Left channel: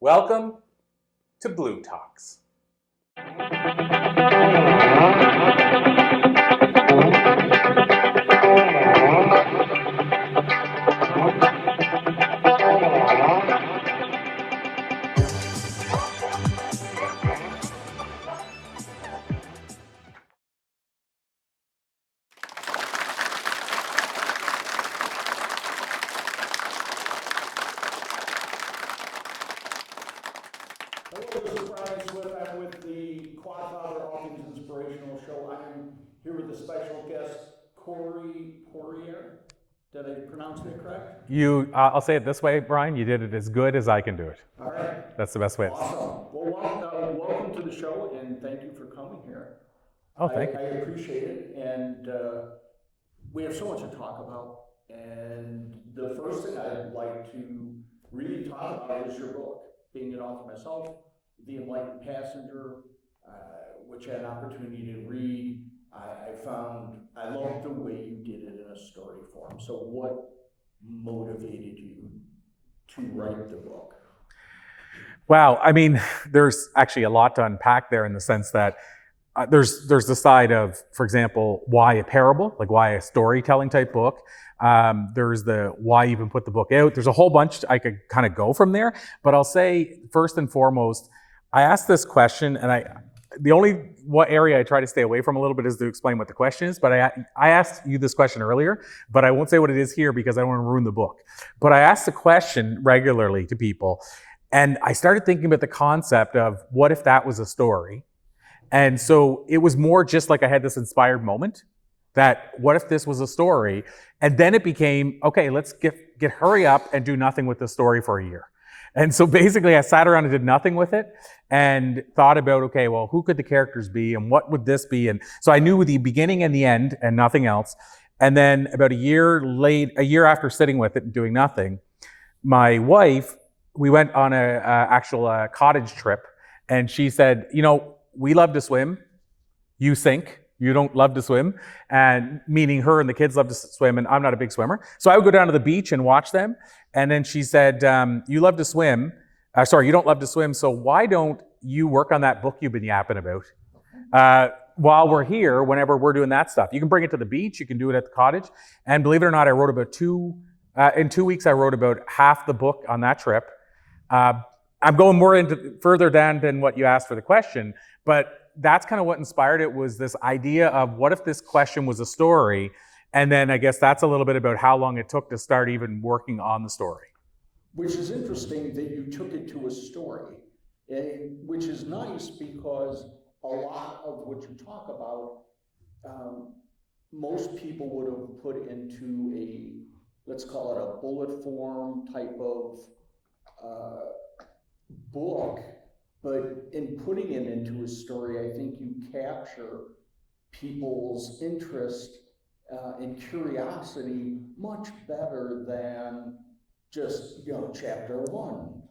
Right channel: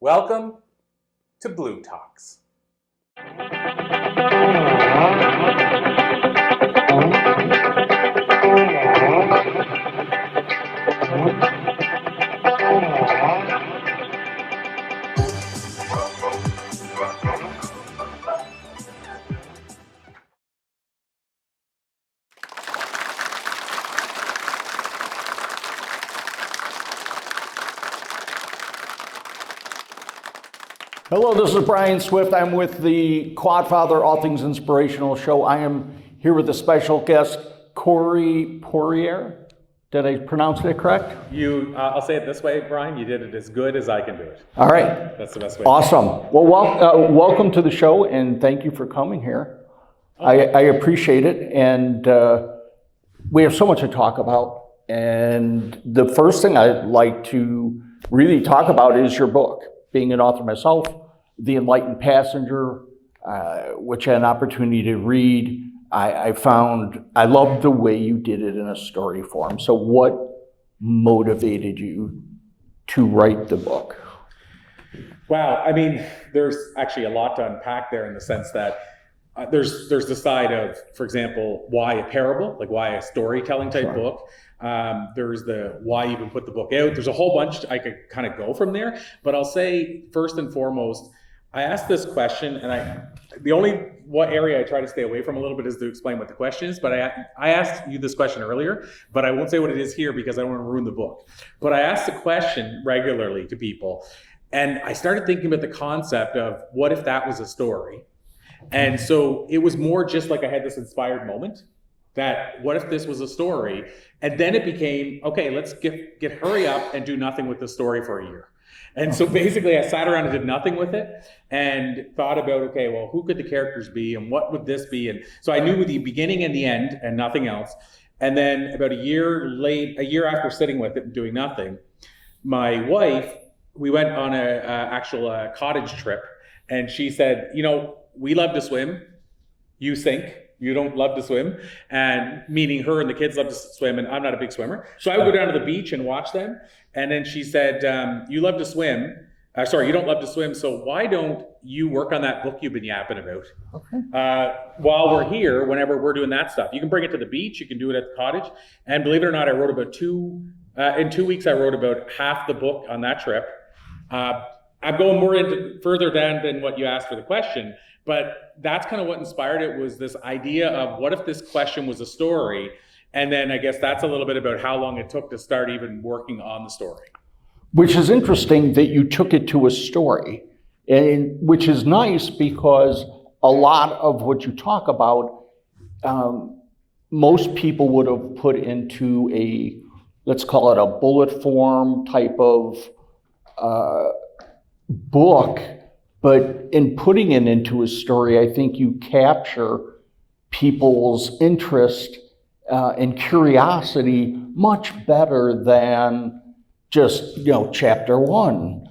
Welcome to bLU Talks. Hello, this is Brian Swift. I'm with the Quadfather All Things Inspirational Show. I am here with a special guest, Corey Poirier. Did I pronounce it correct? I'll say it this way, Brian. You did it as good as I can do it. All right. That's the best way. Awesome. Well, welcome to the show, and thank you for coming here. Okay. I appreciate it, and we have so much to talk about. And the first thing I'd like to really talk about is your book. Being an author myself, The Enlightened Passenger, which I had an opportunity to read, I found I loved the way you did it in a story form. So what motivated you to write the book? Wow, I mean, there's actually a lot to unpack there in the sense that there's the side of, for example, why a parable, like why a storytelling type book. There's the why you even put the book out. There's a whole bunch I could kind of go from there, but I'll say first and foremost, I asked this question, and what area I try to stay away from a little bit is to explain what the question is, but I asked you this question earlier, but I won't say what it is here because I don't want to ruin the book. But I asked the question regularly to people, and I started thinking about the concept of what if that was a story? And so it was more just like I had this inspired moment that what if this was a story? And then it became, okay, let's get hurry up and do nothing with the story for a year. And so basically I sat around and did nothing with it and thought about, okay, well, who could the characters be and what would this be? And so I knew the beginning and the end and nothing else. And then about a year after sitting with it and doing nothing, my wife, we went on a actual cottage trip, and she said, we love to swim, you sink. You don't love to swim, and meaning her and the kids love to swim, and I'm not a big swimmer. So I would go down to the beach and watch them. And then she said, you love to swim. You don't love to swim, so why don't you work on that book you've been yapping about? Okay. While we're here, whenever we're doing that stuff. You can bring it to the beach, you can do it at the cottage. And believe it or not, I wrote about in 2 weeks, I wrote about half the book on that trip. I'm going more further down than what you asked for the question, but that's kind of what inspired it, was this idea of what if this question was a story? And then I guess that's a little bit about how long it took to start even working on the story. Which is interesting that you took it to a story, and which is nice because a lot of what you talk about, most people would have put into a, let's call it a bullet form type of book. But in putting it into a story, I think you capture people's interest and curiosity much better than just, chapter 1.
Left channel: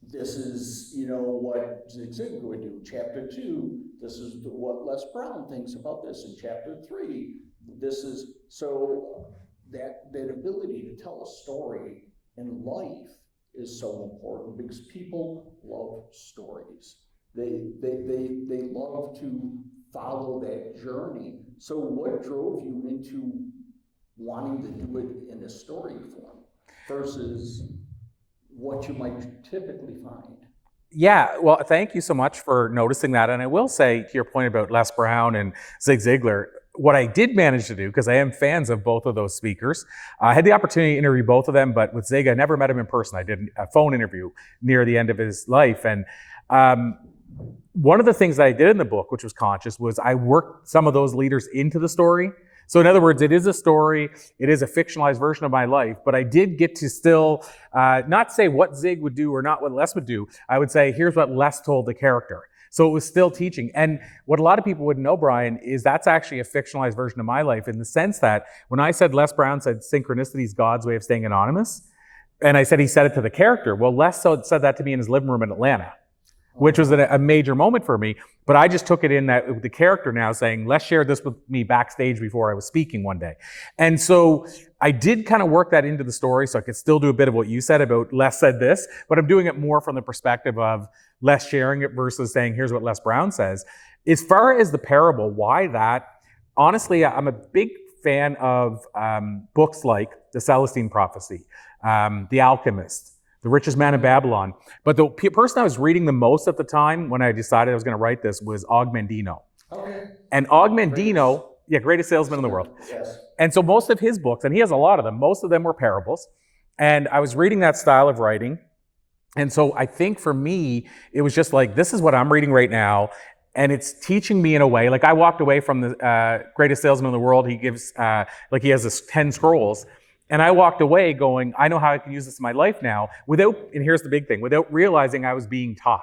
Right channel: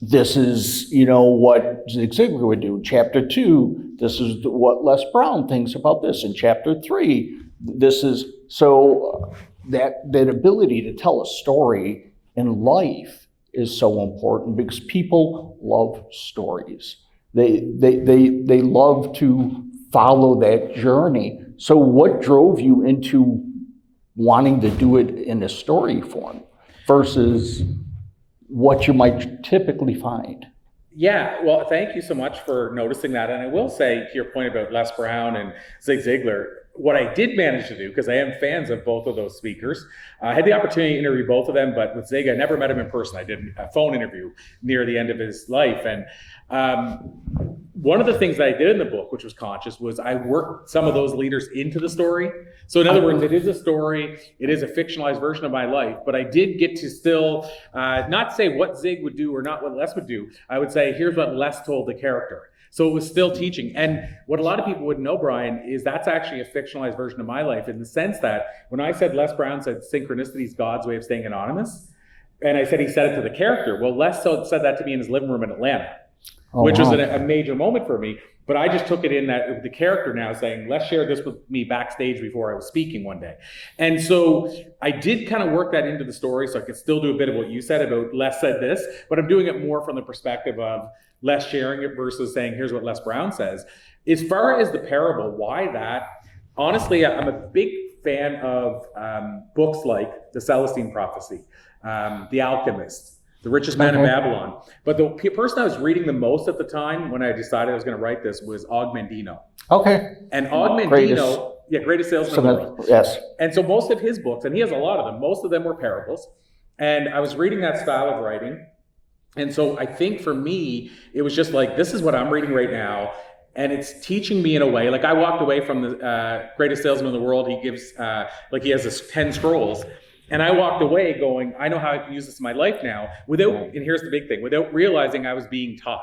This is, what Zig Ziglar would do. Chapter 2, this is what Les Brown thinks about this. In chapter 3, this is, so that ability to tell a story in life is so important because people love stories. They love to follow that journey. So what drove you into wanting to do it in a story form versus what you might typically find? Yeah, well, thank you so much for noticing that. And I will say, to your point about Les Brown and Zig Ziglar, what I did manage to do, because I am fans of both of those speakers, I had the opportunity to interview both of them, but with Zig, I never met him in person. I did a phone interview near the end of his life. And one of the things that I did in the book, which was conscious, was I worked some of those leaders into the story. So in other words, it is a story, it is a fictionalized version of my life, but I did get to still not say what Zig would do or not what Les would do. I would say, here's what Les told the character. So it was still teaching. And what a lot of people wouldn't know, Brian, is that's actually a fictionalized version of my life, in the sense that when I said Les Brown said synchronicity is God's way of staying anonymous, and I said he said it to the character, well, Les said that to me in his living room in Atlanta. which was a major moment for me. But I just took it in that the character now saying, Les shared this with me backstage before I was speaking one day. And so I did kind of work that into the story so I could still do a bit of what you said about Les said this, but I'm doing it more from the perspective of Les sharing it versus saying, here's what Les Brown says. As far as the parable, why that? Honestly, I'm a big fan of books like The Celestine Prophecy, The Alchemist, The Richest Man in Babylon. But the person I was reading the most at the time when I decided I was going to write this was Og Mandino. Okay. And Og Mandino, greatest salesman in the world. Yes. And so most of his books, and he has a lot of them, most of them were parables. And I was reading that style of writing. And so I think for me, it was just like, this is what I'm reading right now. And it's teaching me in a way, like I walked away from the greatest salesman in the world. He gives, he has this 10 scrolls. And I walked away going, I know how I can use this in my life now without, and here's the big thing, without realizing I was being taught.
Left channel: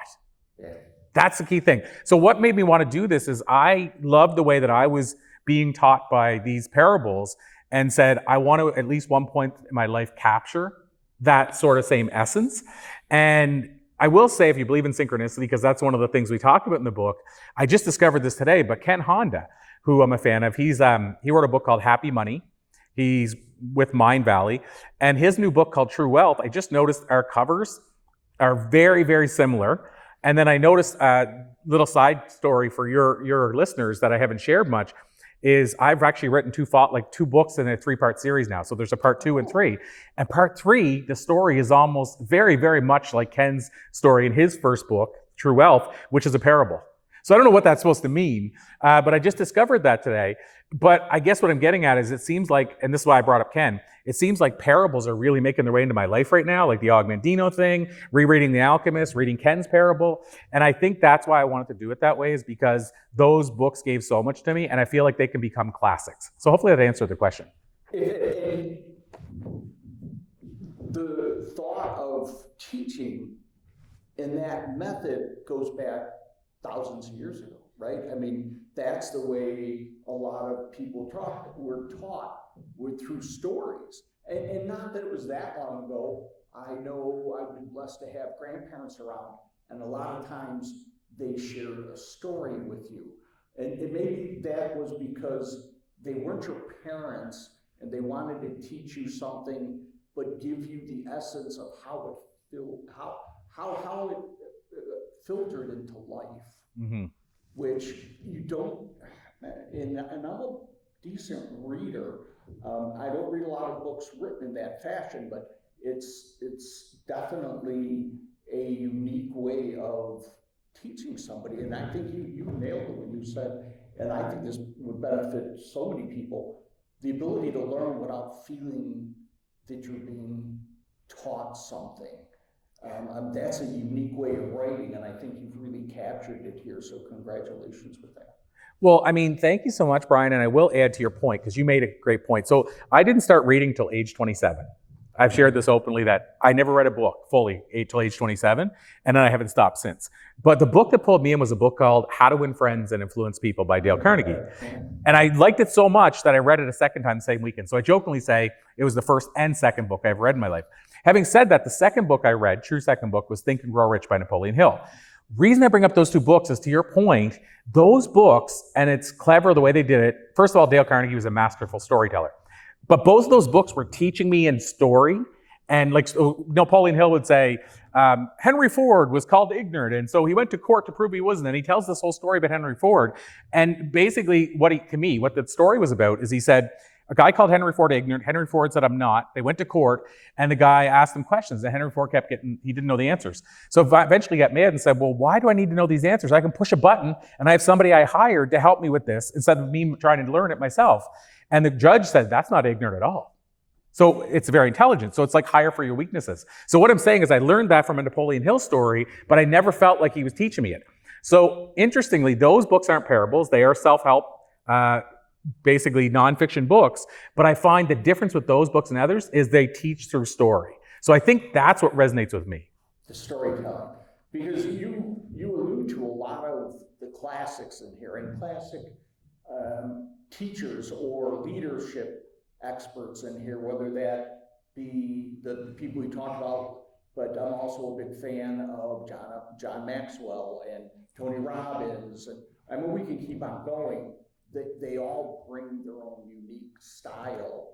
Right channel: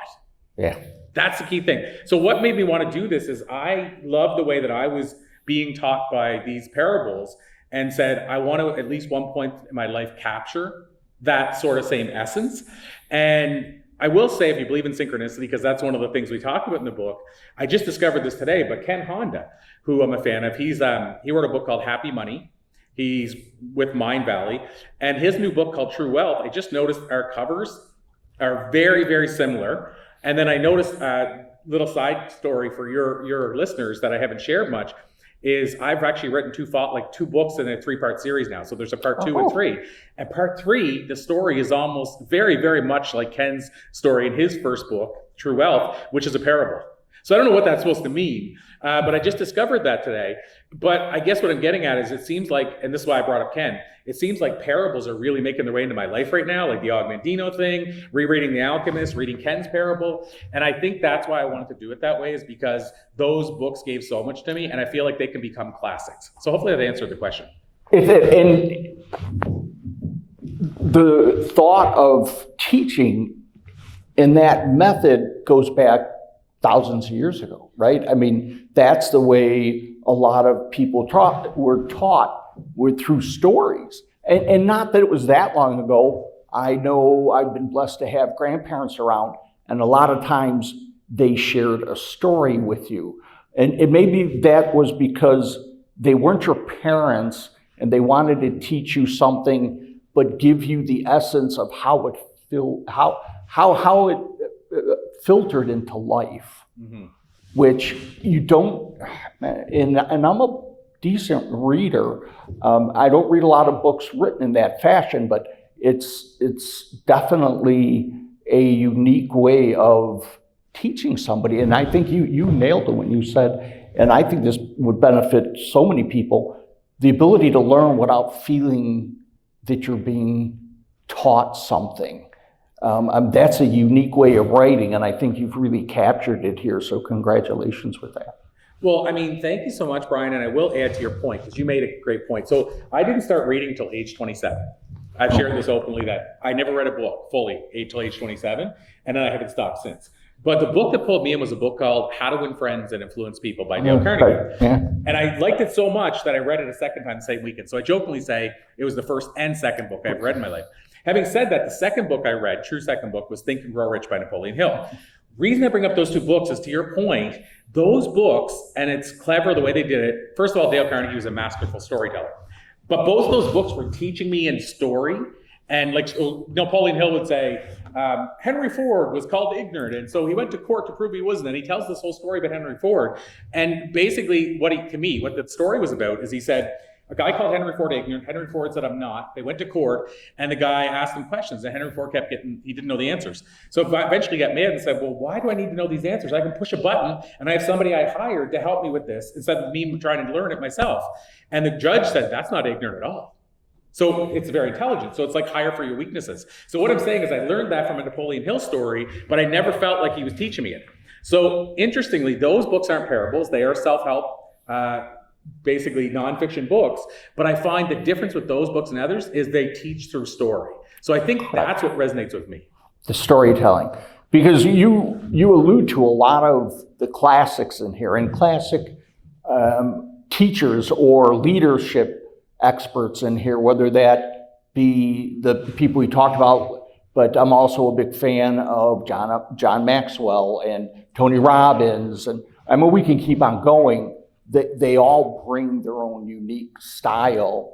Yeah. That's the key thing. So what made me want to do this is I loved the way that I was being taught by these parables and said, I want to at least one point in my life capture that sort of same essence. And I will say, if you believe in synchronicity, because that's one of the things we talk about in the book, I just discovered this today, but Ken Honda, who I'm a fan of, he wrote a book called Happy Money. He's with Mind Valley, and his new book called True Wealth, I just noticed our covers are very, very similar. And then I noticed a little side story for your listeners that I haven't shared much is I've actually written two books in a 3-part series now. So there's a part 2 and 3. And part 3, the story is almost very, very much like Ken's story in his first book, True Wealth, which is a parable. So I don't know what that's supposed to mean, but I just discovered that today. But I guess what I'm getting at is it seems like, and this is why I brought up Ken, it seems like parables are really making their way into my life right now, like the Og Mandino thing, rereading The Alchemist, reading Ken's parable. And I think that's why I wanted to do it that way, is because those books gave so much to me, and I feel like they can become classics. So hopefully that answered the question. And the thought of teaching in that method goes back thousands of years ago, right? I mean, that's the way a lot of people were taught through stories. And not that it was that long ago. I know I've been blessed to have grandparents around, and a lot of times they shared a story with you. And maybe that was because they weren't your parents and they wanted to teach you something, but give you the essence of how it filtered into life, which you don't, and I'm a decent reader. I don't read a lot of books written in that fashion, but it's definitely a unique way of teaching somebody. And I think you nailed it when you said, and I think this would benefit so many people, the ability to learn without feeling that you're being taught something. That's a unique way of writing, and I think you've really captured it here, so congratulations with that. Well, I mean, thank you so much, Brian, and I will add to your point, because you made a great point. So I didn't start reading till age 27. I've shared this openly that I never read a book fully till age 27, and then I haven't stopped since. But the book that pulled me in was a book called How to Win Friends and Influence People by Dale Carnegie. Yeah. And I liked it so much that I read it a second time the same weekend. So I jokingly say it was the first and second book I've read in my life. Having said that, the second book I read, true second book, was Think and Grow Rich by Napoleon Hill. Reason I bring up those two books is, to your point, those books, and it's clever the way they did it. First of all, Dale Carnegie was a masterful storyteller. But both of those books were teaching me in story. And like Napoleon Hill would say, Henry Ford was called ignorant, and so he went to court to prove he wasn't. And he tells this whole story about Henry Ford. And basically, what the story was about is, he said, a guy called Henry Ford ignorant. Henry Ford said, I'm not. They went to court, and the guy asked him questions, and Henry Ford he didn't know the answers. So eventually got mad and said, well, why do I need to know these answers? I can push a button, and I have somebody I hired to help me with this, instead of me trying to learn it myself. And the judge said, that's not ignorant at all. So it's very intelligent. So it's like hire for your weaknesses. So what I'm saying is, I learned that from a Napoleon Hill story, but I never felt like he was teaching me it. So interestingly, those books aren't parables. They are self-help, basically nonfiction books. But I find the difference with those books and others is they teach through story. So I think that's what resonates with me. The storytelling. Because you allude to a lot of the classics in here, and classic teachers or leadership experts in here, whether that be the people we talked about, but I'm also a big fan of John Maxwell and Tony Robbins, and I mean, we can keep on going. They all bring their own unique style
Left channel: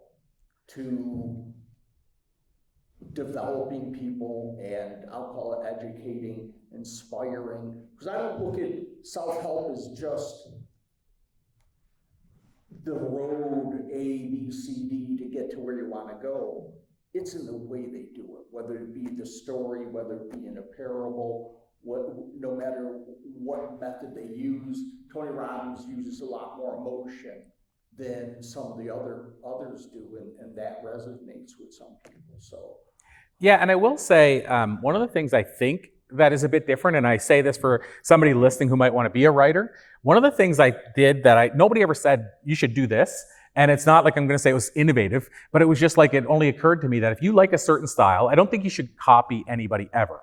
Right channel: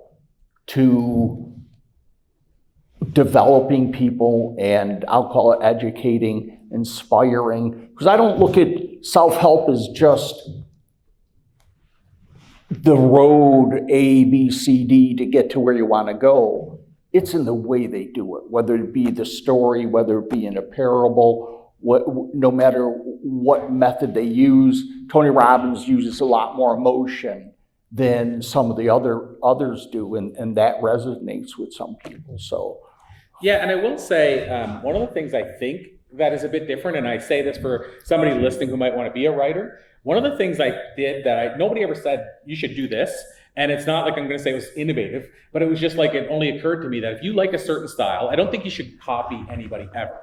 to developing people, and I'll call it educating, inspiring, because I don't look at self-help as just the road A, B, C, D to get to where you want to go. It's in the way they do it, whether it be the story, whether it be in a parable, no matter what method they use. Tony Robbins uses a lot more emotion than some of the others do, and that resonates with some people. So, yeah, and I will say one of the things I think that is a bit different, and I say this for somebody listening who might want to be a writer. One of the things I did that nobody ever said you should do this, and it's not like I'm going to say it was innovative, but it was just like it only occurred to me that if you like a certain style, I don't think you should copy anybody ever.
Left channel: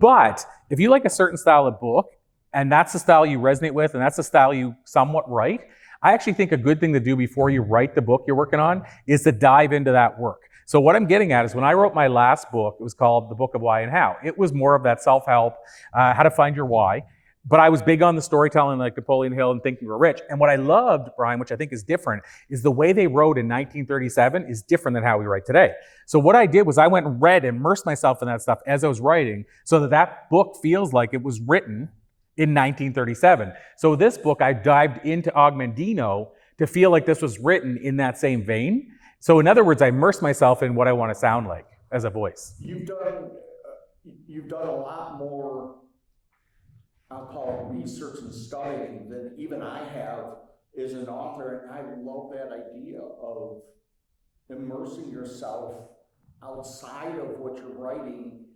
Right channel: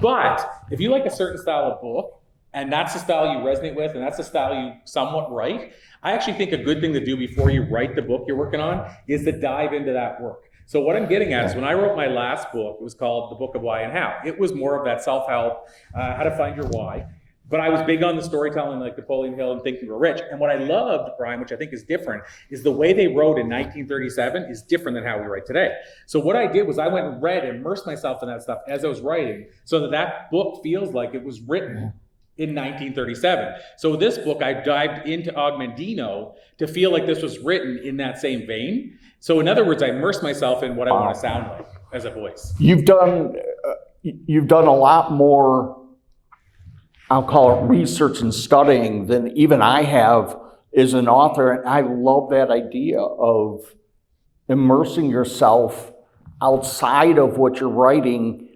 But if you like a certain style of book, and that's the style you resonate with, and that's the style you somewhat write, I actually think a good thing to do before you write the book you're working on is to dive into that work. So what I'm getting at is when I wrote my last book, it was called The Book of Why and How. It was more of that self-help, how to find your why. But I was big on the storytelling like Napoleon Hill and Think You Were Rich. And what I loved, Brian, which I think is different, is the way they wrote in 1937 is different than how we write today. So what I did was I went and read, immersed myself in that stuff as I was writing, so that that book feels like it was written in 1937. So this book, I dived into Augmendino to feel like this was written in that same vein. So in other words, I immersed myself in what I want to sound like as a voice. You've done a lot more, I'll call it research and studying, than even I have as an author. And I love that idea of immersing yourself outside of what you're writing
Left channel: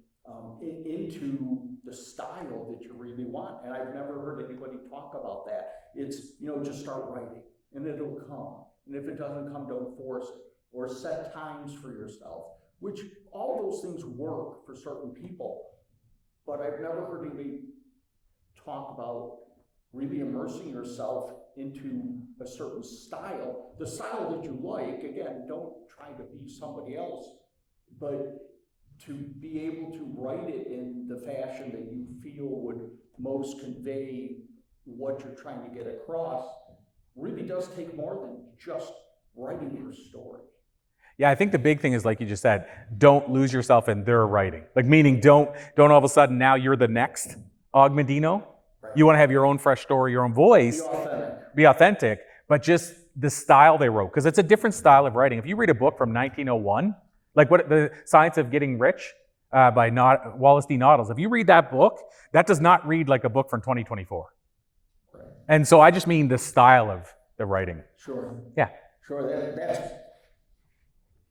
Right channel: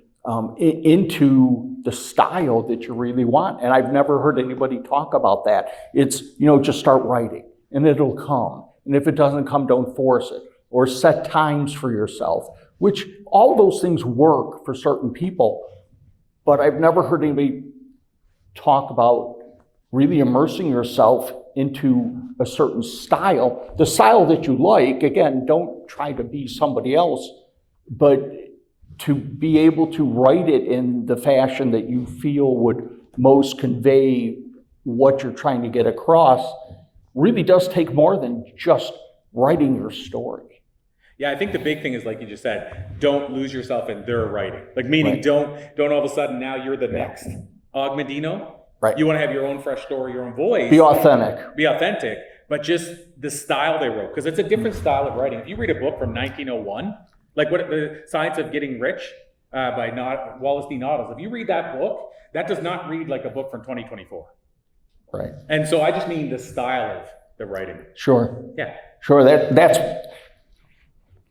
into the style that you really want. And I've never heard anybody talk about that. It's, just start writing and it'll come. And if it doesn't come, don't force it. Or set times for yourself, which all those things work for certain people. But I've never heard anybody talk about really immersing yourself into a certain style. The style that you like, again, don't try to be somebody else, but to be able to write it in the fashion that you feel would most convey what you're trying to get across really does take more than just writing your story. Yeah, I think the big thing is, like you just said, don't lose yourself in their writing. Like, meaning don't all of a sudden now you're the next Augmendino. Right. You want to have your own fresh story, your own voice. Be authentic. Be authentic, but just the style they wrote, because it's a different style of writing. If you read a book from 1901, like what The Science of Getting Rich by Wallace D. Noddles, if you read that book, that does not read like a book from 2024. Right. And so I just mean the style of the writing. Sure. Yeah. Sure. That's.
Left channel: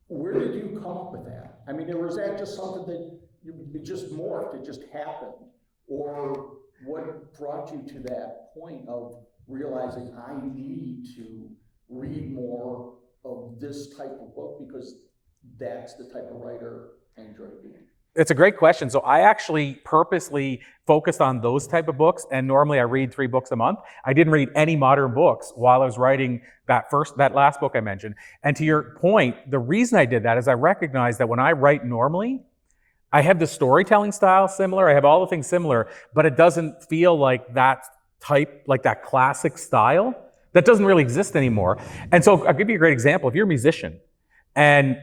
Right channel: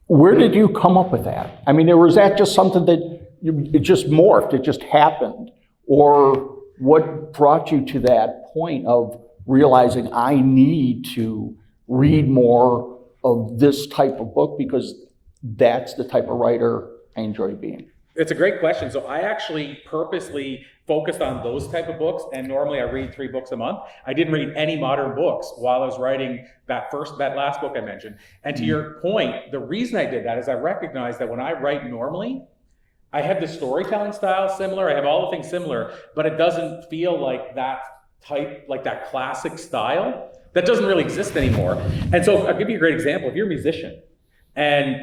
Where did you come up with that? I mean, was that just something that it just morphed, it just happened? Or what brought you to that point of realizing I need to read more of this type of book because that's the type of writer I enjoy being? It's a great question. So I actually purposely focused on those type of books, and normally I read 3 books a month. I didn't read any modern books while I was writing that last book I mentioned. And to your point, the reason I did that is I recognized that when I write normally, I have the storytelling style similar, I have all the things similar, but it doesn't feel like that type, like that classic style that doesn't really exist anymore. And so I'll give you a great example. If you're a musician and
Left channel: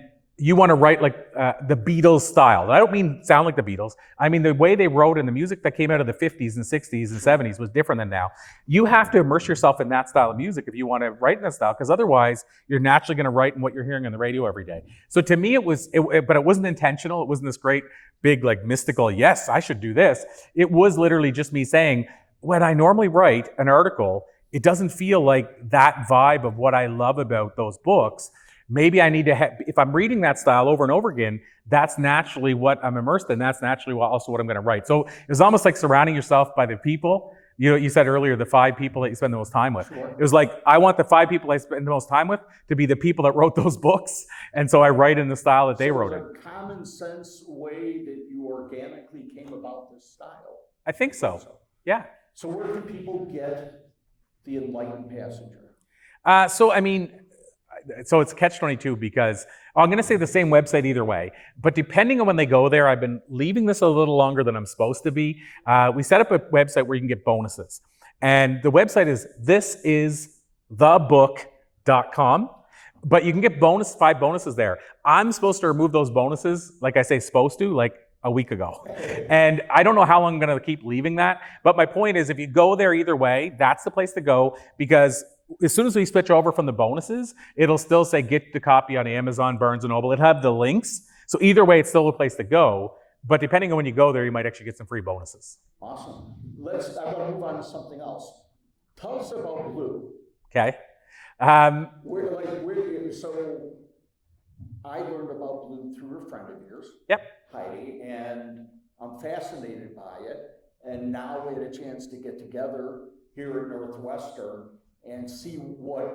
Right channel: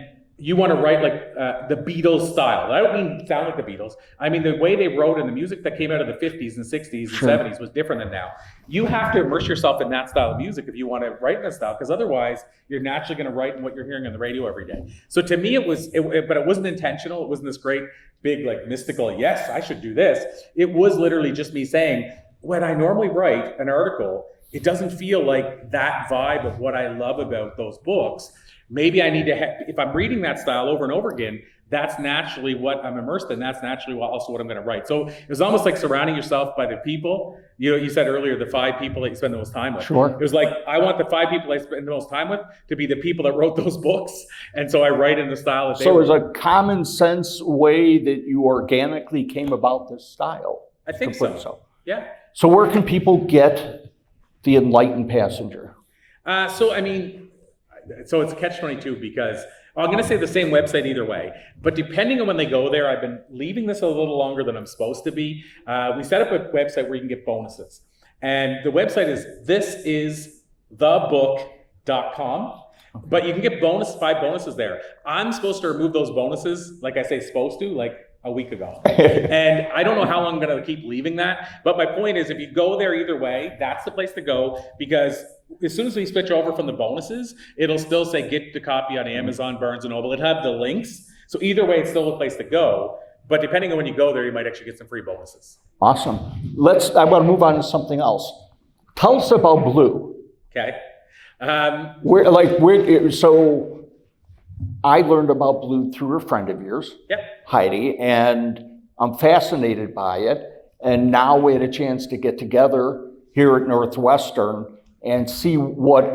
you want to write like the Beatles style. I don't mean sound like the Beatles. I mean the way they wrote in the music that came out of the 50s and 60s and 70s was different than now. You have to immerse yourself in that style of music if you want to write in that style, because otherwise you're naturally going to write in what you're hearing on the radio every day. So to me, but it wasn't intentional. It wasn't this great, big, like mystical, yes, I should do this. It was literally just me saying, when I normally write an article, it doesn't feel like that vibe of what I love about those books. Maybe I need to, if I'm reading that style over and over again, that's naturally what I'm immersed in. That's naturally also what I'm going to write. So it's almost like surrounding yourself by the people. You said earlier, the 5 people that you spend the most time with. Sure. It was like, I want the 5 people I spend the most time with to be the people that wrote those books. And so I write in the style that they wrote. So it was a common sense way that you organically came about this style. I think so. Yeah. So where can people get The Enlightened Passenger? So it's a catch-22 because I'm going to say the same website either way, but depending on when they go there, I've been leaving this a little longer than I'm supposed to be. We set up a website where you can get bonuses. And the website is thisisthebook.com. But you can get 5 bonuses there. I'm supposed to remove those bonuses, like I say supposed to, like a week ago. And I don't know how long I'm going to keep leaving that. But my point is, if you go there either way, that's the place to go, because as soon as we switch over from the bonuses, it'll still say get the copy on Amazon, Barnes & Noble. It'll have the links. So either way, it's still a place to go. But depending on when you go there, you might actually get some free bonuses. Awesome. I want to move on to something else. Tell us about bLU. Okay. So I learned about bLU through a friend of yours, Heidi, and I'm fascinated by it. And now we had a chance to get together here at Northwestern and see what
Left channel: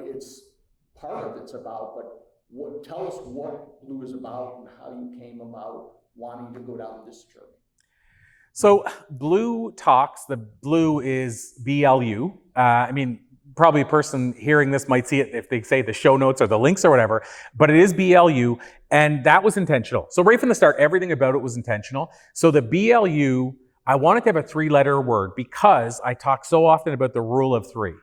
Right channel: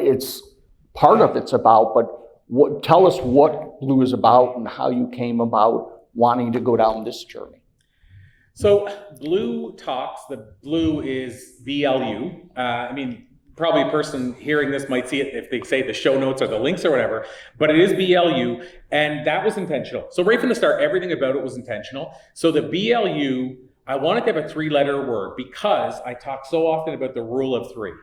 part of it's about. But tell us what bLU is about and how you came about wanting to go down this journey. So bLU Talks, the bLU is bLU. Probably a person hearing this might see it if they say the show notes or the links or whatever, but it is bLU, and that was intentional. So right from the start, everything about it was intentional. So the bLU, I wanted to have a 3-letter word because I talk so often about the rule of 3.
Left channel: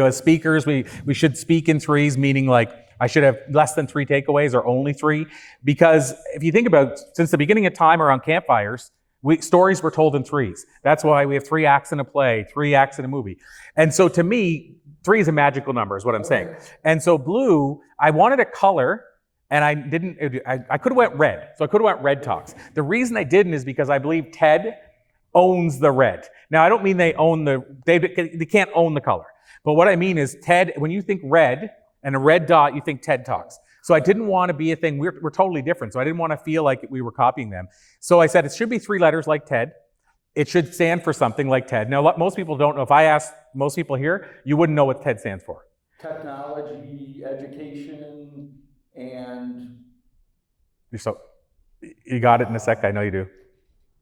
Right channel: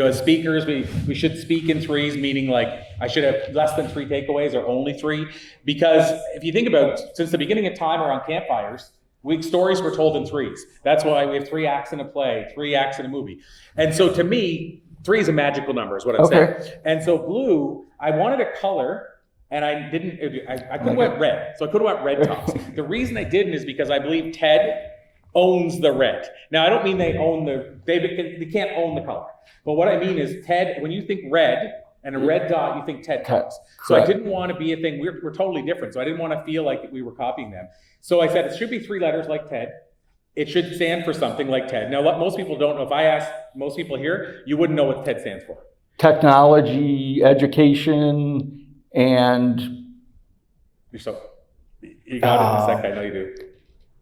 As speakers, we should speak in 3s, meaning like I should have less than 3 takeaways or only 3. Because if you think about, since the beginning of time around campfires, stories were told in 3s. That's why we have 3 acts in a play, 3 acts in a movie. And so to me, 3 is a magical number, is what I'm saying. And so bLU, I wanted a color, and I could have went red. So I could have went Red Talks. The reason I didn't is because I believe TED owns the red. Now, I don't mean they can't own the color. But what I mean is TED, when you think red and a red dot, you think TED Talks. So I didn't want to be a thing, we're totally different. So I didn't want to feel like we were copying them. So I said it should be 3 letters like TED. It should stand for something like TED. Now, most people don't know. If I ask most people here, you wouldn't know what TED stands for. Technology, education, and... You got it in a sec, I know you do.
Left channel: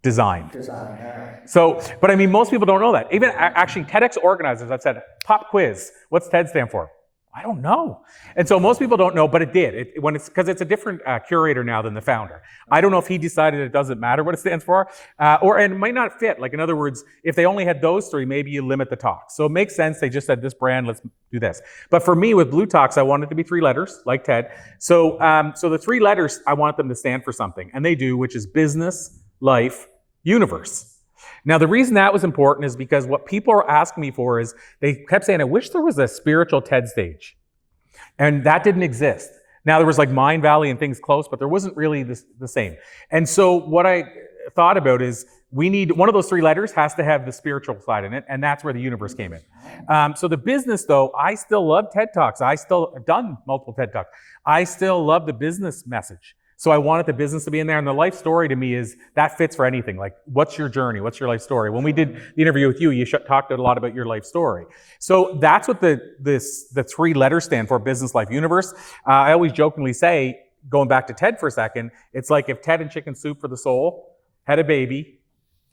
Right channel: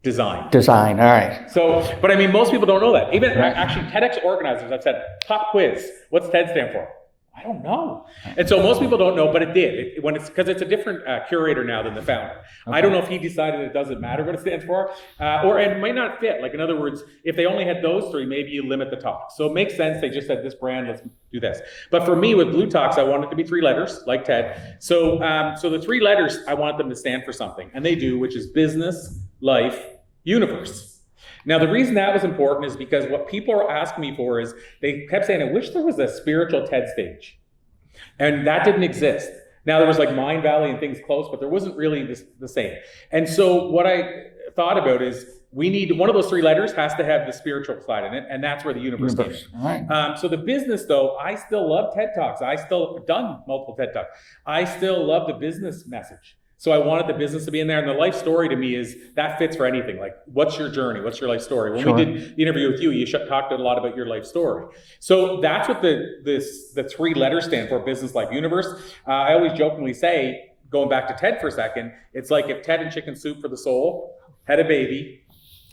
Design. Design, all right. So, but most people don't know that. Even actually TEDx organizers, I've said, pop quiz, what's TED stand for? I don't know. And so most people don't know, but it did. Because it's a different curator now than the founder. Okay. I don't know if he decided it doesn't matter what it stands for, or it might not fit. Like in other words, if they only had those 3, maybe you limit the talks. So it makes sense. They just said this brand, let's do this. But for me with bLU Talks, I wanted it to be 3 letters like TED. So, so the 3 letters, I want them to stand for something, and they do, which is business, life, universe. Now, the reason that was important is because what people are asking me for is they kept saying, I wish there was a spiritual TED stage. And that didn't exist. Now, there was like Mind Valley and things close, but there wasn't really the same. And so what I thought about is we need one of those 3 letters has to have the spiritual side in it, and that's where the universe came in. Right. So the business, though, I still love TED Talks. I still have done multiple TED Talks. I still love the business message. So I wanted the business to be in there, and the life story to me is that fits for anything. Like, what's your journey? What's your life story? When we did the interview with you, you talked a lot about your life story. So that's what the 3 letters stand for: business, life, universe. I always jokingly say, going back to TED for a second, it's like if TED and Chicken Soup for the Soul had a baby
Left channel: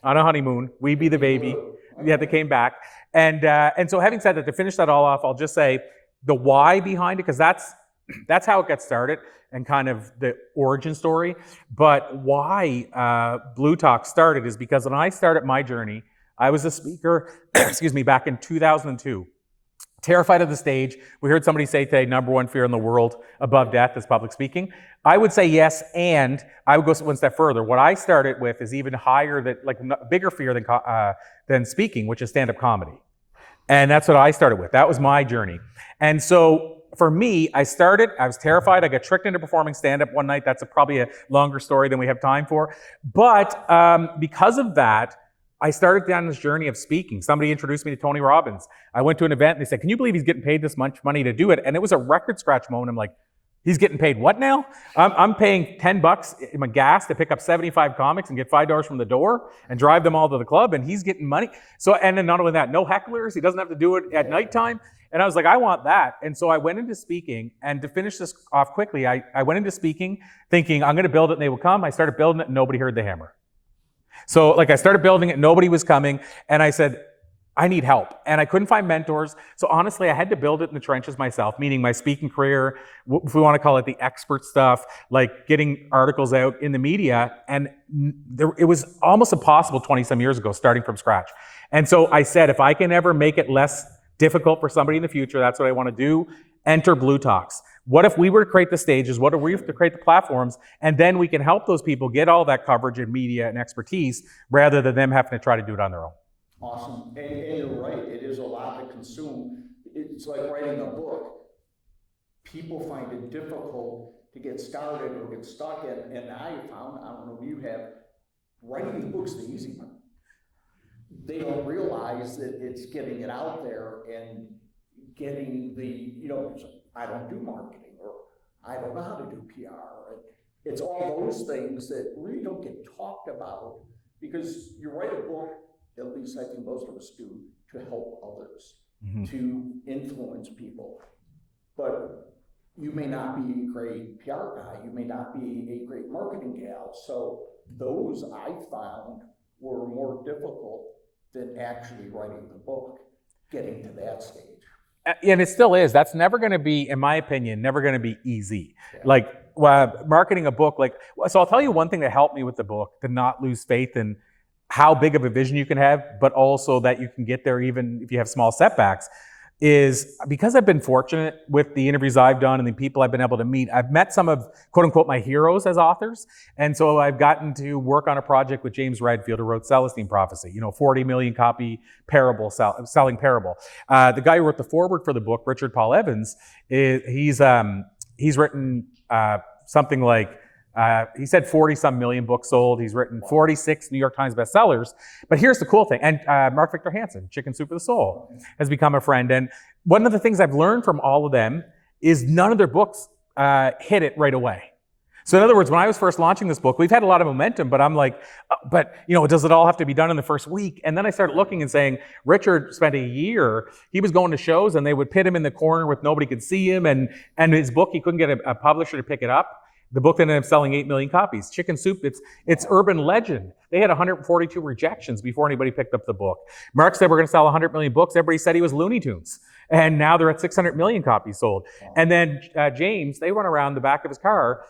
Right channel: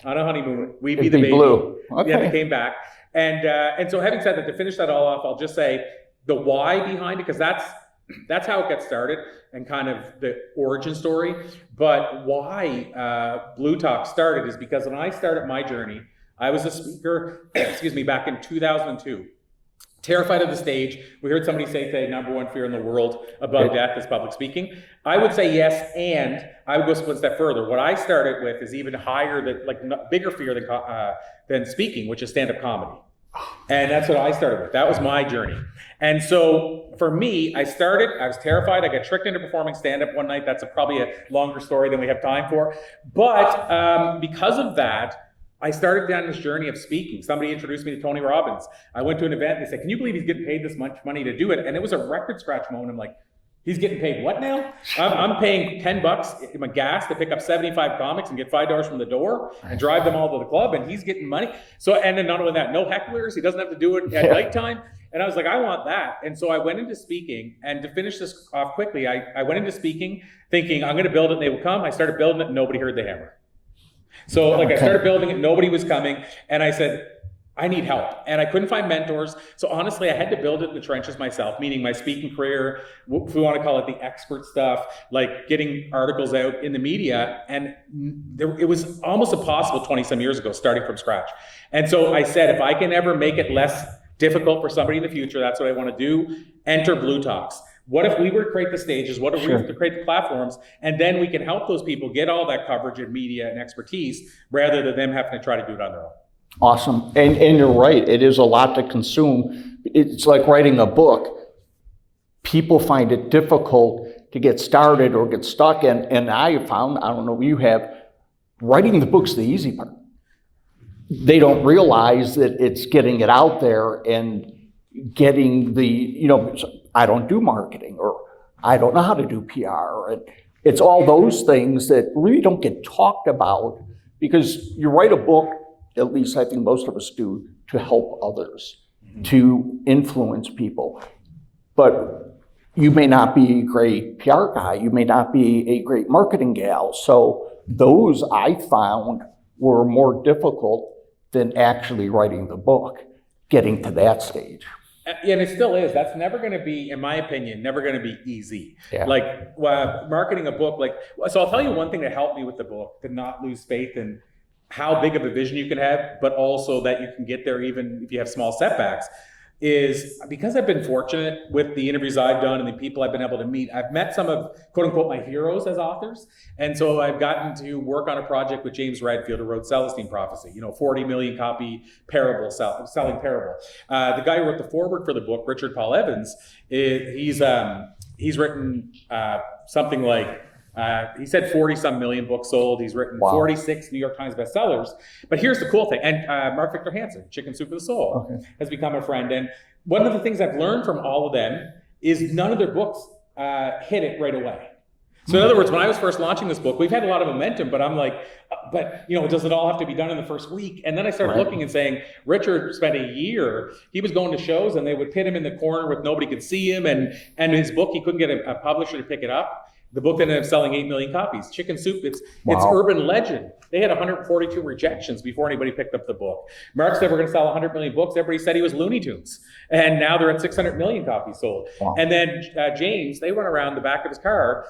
on a honeymoon, we'd be the baby. bLU. Okay. Yeah, they came back. And so having said that, to finish that all off, I'll just say the why behind it, because that's how it got started and kind of the origin story. But why bLU Talk started is because when I started my journey, I was a speaker, back in 2002. Terrified of the stage. We heard somebody say today, #1 fear in the world above death is public speaking. I would say yes, and I would go one step further. What I started with is even higher, bigger fear than speaking, which is stand-up comedy. And that's what I started with. That was my journey. And so for me, I was terrified. I got tricked into performing stand-up one night. That's probably a longer story than we have time for. But because of that, I started down this journey of speaking. Somebody introduced me to Tony Robbins. I went to an event and they said, can you believe he's getting paid this much money to do it? And it was a record scratch moment. I'm like, he's getting paid what now? I'm paying $10 in my gas to pick up 75 comics and get $5 from the door and drive them all to the club, and he's getting money. So, and then not only that, no hecklers. He doesn't have to do it at nighttime. And I was like, I want that. And so I went into speaking, and to finish this off quickly, I went into speaking thinking I'm going to build it and they will come. I started building it and nobody heard the hammer. So I started building it, nobody was coming. And I said, I need help. And I couldn't find mentors. So honestly, I had to build it in the trenches myself, meaning my speaking career, if we want to call it the expert stuff, like getting articles out in the media. And it was almost impossible 20 some years ago, starting from scratch. And so I said, if I can ever make it less difficult for somebody in the future, that's what I want to do. Enter bLU Talks. What if we were to create the stages? What if we were to create the platforms? And then we can help those people get all that coverage and media and expertise rather than them having to try to do it on their own. Awesome. And you're right. It is a lot to consume. It's like writing a book. People find it difficult to get started or get stuck. And I found, I don't know what you have, writing the book's the easy part. They don't realize that it's getting it out there and getting the, I don't do marketing, or I don't know how to do PR. And it's all those things that really don't get talked about, because you write a book, at least I think most of us do, to help others, to influence people. But you may not be a great PR guy, you may not be a great marketing gal. So those I found were more difficult than actually writing the book, getting to that stage. And it still is. That's never going to be, in my opinion, never going to be easy. Yeah. Like marketing a book, so I'll tell you one thing that helped me with the book, to not lose faith in how big of a vision you can have, but also that you can get there even if you have small setbacks, is because I've been fortunate with the interviews I've done and the people I've been able to meet. I've met some of, quote unquote, my heroes as authors. And so I've gotten to work on a project with James Redfield, who wrote Celestine Prophecy, 40 million copy parable, selling parable. The guy who wrote the foreword for the book, Richard Paul Evans, he's written something like, he said 40 some million books sold. He's written 46 New York Times bestsellers. But here's the cool thing. And Mark Victor Hansen, Chicken Soup for the Soul, has become a friend. And one of the things I've learned from all of them is none of their books hit it right away. So in other words, when I was first launching this book, we've had a lot of momentum, but I'm like, does it all have to be done in the first week? And then I started looking and saying, Richard spent a year, he was going to shows and they would pit him in the corner with nobody could see him. And his book, he couldn't get a publisher to pick it up. The book ended up selling 8 million copies. Chicken Soup, it's urban legend. They had 142 rejections before anybody picked up the book. Mark said we're going to sell 100 million books. Everybody said he was Looney Tunes. And now they're at 600 million copies sold. Wow. And then James, they run around the back of his car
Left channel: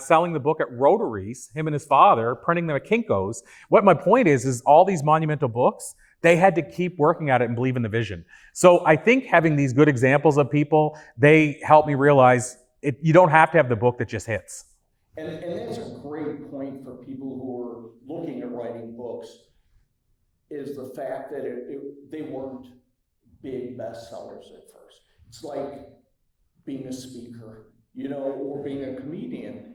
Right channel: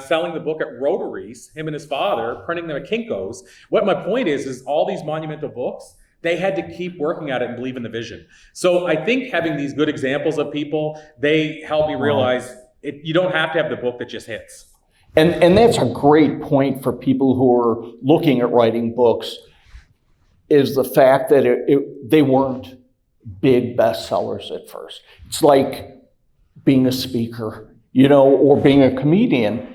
selling the book at Rotaries, him and his father, printing them at Kinko's. What my point is all these monumental books, they had to keep working at it and believe in the vision. So I think having these good examples of people, they help me realize you don't have to have the book that just hits. And that's a great point for people who are looking at writing books, is the fact that they weren't big bestsellers at first. It's like being a speaker, or being a comedian.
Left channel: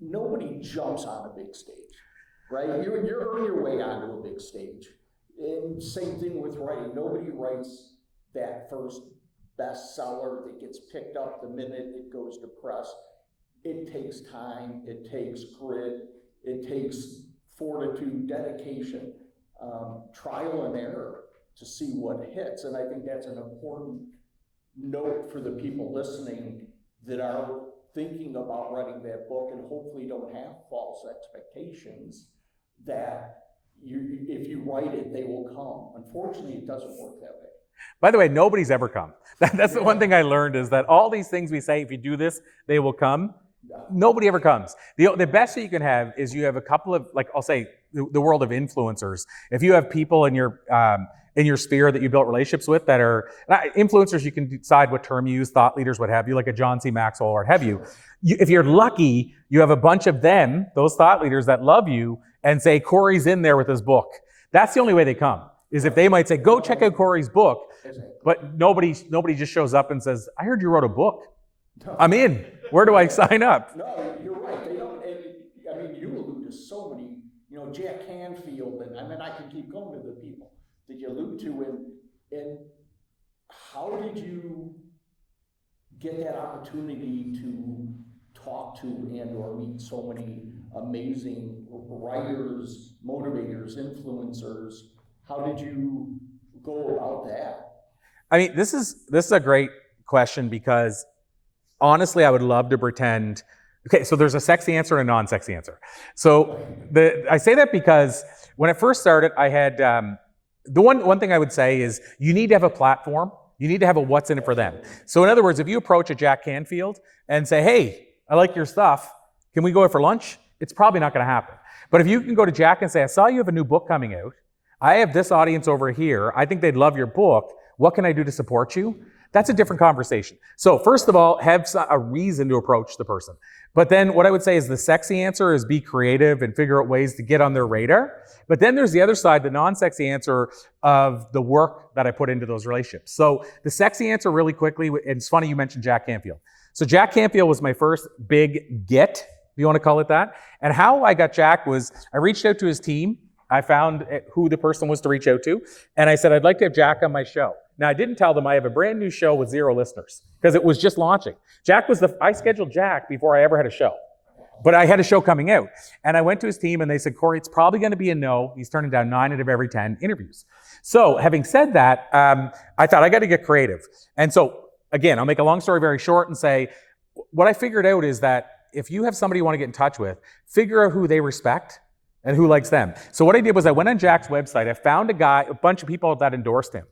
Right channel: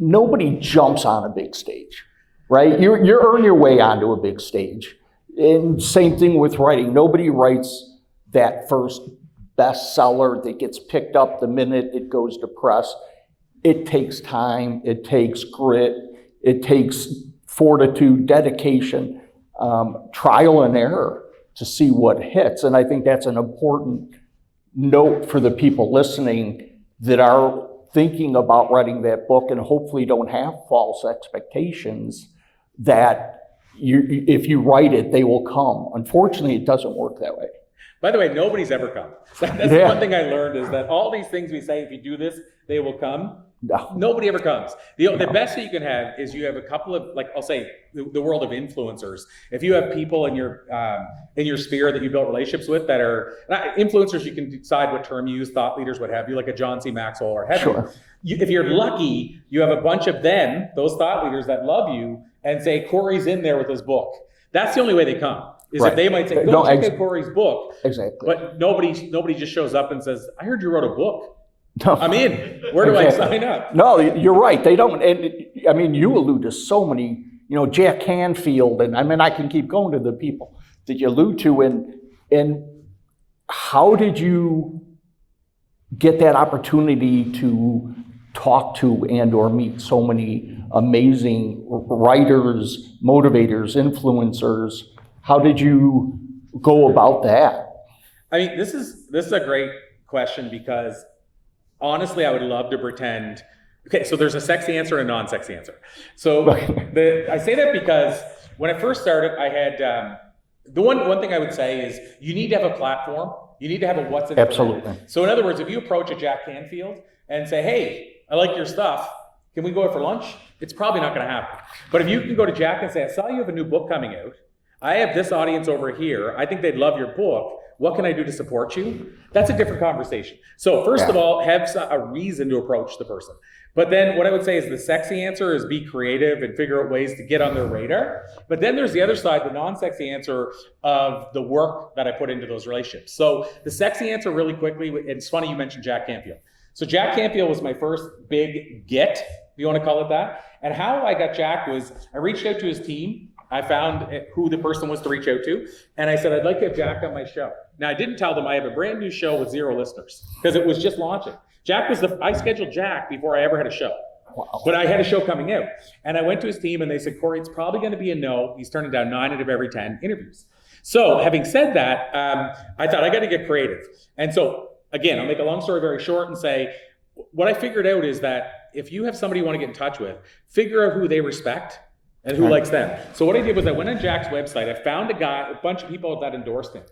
Nobody jumps on a big stage, right? You earn your way onto a big stage. And same thing with writing. Nobody writes that first bestseller that gets picked up the minute it goes to press. It takes time, it takes grit, it takes fortitude, dedication, trial and error to see what hits. And I think that's an important note for the people listening that are thinking about writing that book and hopefully don't have false expectations that if you write it, they will come. Unfortunately, it doesn't work that way. By the way, nobody's ever come. That's the one thing I learned, is that all these things we say, if you do this, they will come. No. Nobody ever comes. The best that you can have is you have a couple of, I'll say, the world of influencers. If you have people in your sphere that you built relationships with that are influencers, you can decide what term you use, thought leaders, what have you, like a John C. Maxwell or have you. If you're lucky, you have a bunch of them, those thought leaders that love you and say, Corey's in there with his book. That's the only way they come. If they might say, go check out Corey's book. Exactly. But nobody just shows up and says, I heard you wrote a book. No. I'm in. Where do I sign up? No, you're right. They don't. And you allude to so many, Jack Canfield, and I can keep going to the people that you allude to. And how did you get that opportunity to talk to and or meet so many amazing writers, motivators, influencers? How did you go about that? This is a great question, because honestly, I would love to pretend. Okay, so there's a sexy answer and a non-sexy answer. So I say that because when I first started, I had the one thing I would say is you need to have a platform. You need to have a what's in it for them. So in other words, if you approach a Jack Canfield and say, hey, I like your stuff, can we go out for lunch? It's probably not going to happen. But if you can go to Jack and say, I saw you have a new book coming out. I have this audience over here. I think they'd love your book. What can I do to support you? That's a different conversation. So first of all, have a reason to approach the person. But then what I would say is the sexy answer is be creative and figure out ways to get on their radar. But then there's the other side, the non-sexy answer of the work that I put into those relationships. So the sexy answer really quickly, it's funny you mentioned Jack Canfield. So Jack Canfield was my first big get, if you want to call it that. And how I got Jack was I reached out to his team. I found who the person was to reach out to. And I said, I'd like to have Jack on my show. Now, I didn't tell them I have a brand new show with 0 listeners because it was just launching. I scheduled Jack before I ever had a show. Wow. But I had a show coming out. And I went to his team and they said, Corey, it's probably going to be a no. He's turning down 9 out of every 10 interviews. So having said that, I thought I got to get creative. And so again, I'll make a long story very short and say, what I figured out is that if you have somebody you want to get in touch with, figure out who they respect and who likes them. So what I did was I went on Jack's website. I found a bunch of people that endorsed him.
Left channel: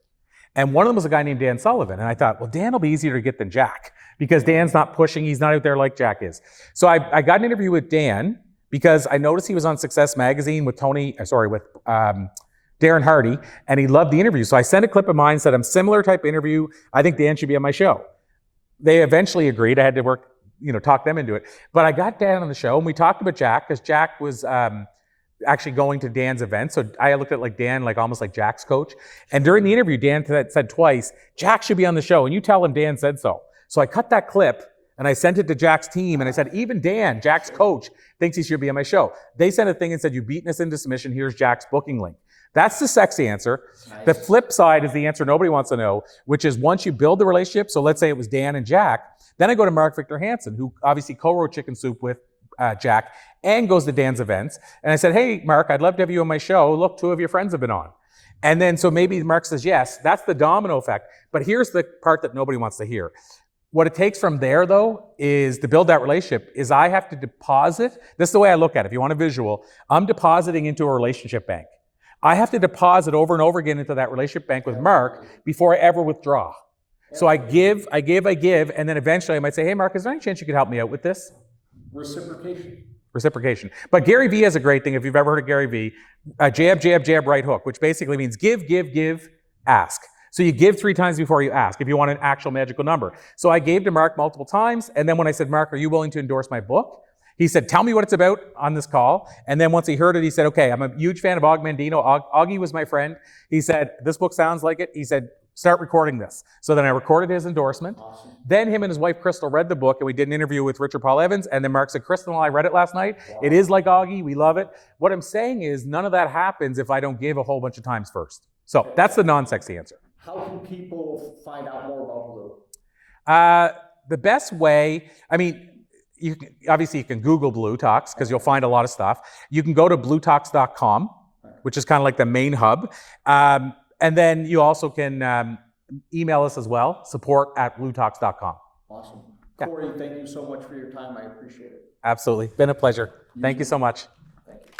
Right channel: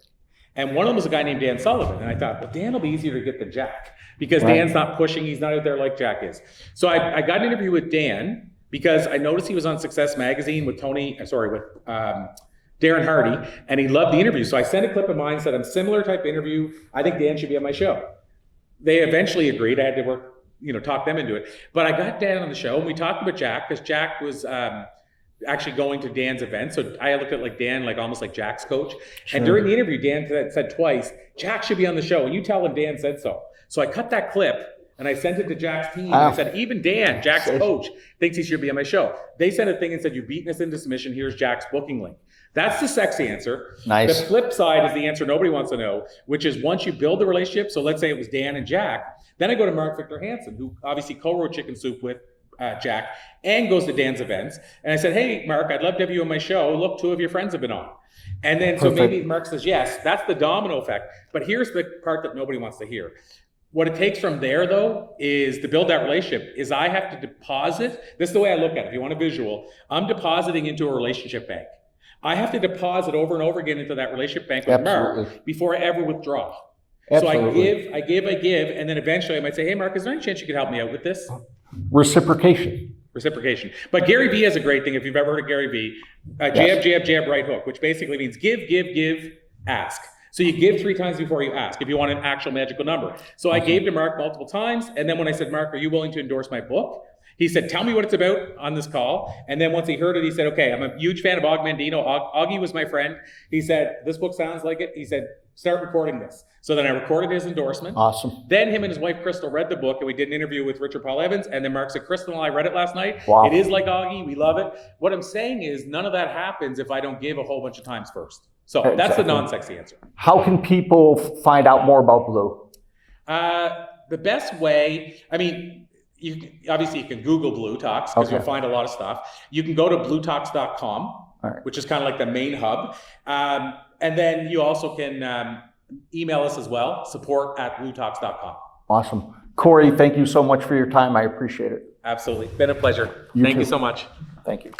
And one of them was a guy named Dan Sullivan. And I thought, well, Dan will be easier to get than Jack because Dan's not pushing. He's not out there like Jack is. So I got an interview with Dan because I noticed he was on Success Magazine with Darren Hardy, and he loved the interview. So I sent a clip of mine, said, I'm similar type interview. I think Dan should be on my show. They eventually agreed. I had to talk them into it. But I got Dan on the show and we talked about Jack because Jack was actually going to Dan's event. So I looked at Dan almost like Jack's coach. Sure. And during the interview, Dan said twice, Jack should be on the show. And you tell him Dan said so. So I cut that clip and I sent it to Jack's team. And I said, even Dan, Jack's coach, thinks he should be on my show. They sent a thing and said, you've beaten us into submission. Here's Jack's booking link. That's the sexy answer. Nice. The flip side is the answer nobody wants to know, which is once you build the relationship, so let's say it was Dan and Jack, then I go to Mark Victor Hansen, who obviously co-wrote Chicken Soup with Jack and goes to Dan's events. And I said, hey, Mark, I'd love to have you on my show. Look, 2 of your friends have been on. And then so maybe Mark says yes. That's the domino effect. But here's the part that nobody wants to hear. What it takes from there, though, is to build that relationship, is I have to deposit. This is the way I look at it. If you want a visual, I'm depositing into a relationship bank. I have to deposit over and over again into that relationship bank with Mark before I ever withdraw. Absolutely. So I give, and then eventually I might say, hey, Mark, is there any chance you could help me out with this? Reciprocation. But Gary Vee has a great thing, if you've ever heard of Gary Vee, jab, jab, jab, right hook, which basically means give, ask. So you give 3 times before you ask if you want an actual magical number. So I gave to Mark multiple times, and then when I said, Mark, are you willing to endorse my book? He said, tell me what it's about on this call. And then once he heard it, he said, okay, I'm a huge fan of Og Mandino. Augie was my friend. He said, this book sounds like it. He said, start recording this. So then I recorded his endorsement. Awesome. Then him and his wife, Crystal, read the book, and we did an interview with Richard Paul Evans. And then Mark said, Crystal and I read it last night. Wow. It is like Augie. We love it. What I'm saying is none of that happens if I don't give a whole bunch of times first. So that's the non-sexy answer. How can people find out more about bLU? The best way, you can Google bLU Talks because you'll find a lot of stuff. You can go to bluetalks.com, which is kind of like the main hub. And then you also can email us as well, support@bluetalks.com. Awesome. Corey, thank you so much for your time. I appreciate it. Absolutely. Been a pleasure. Thank you so much. Thank you.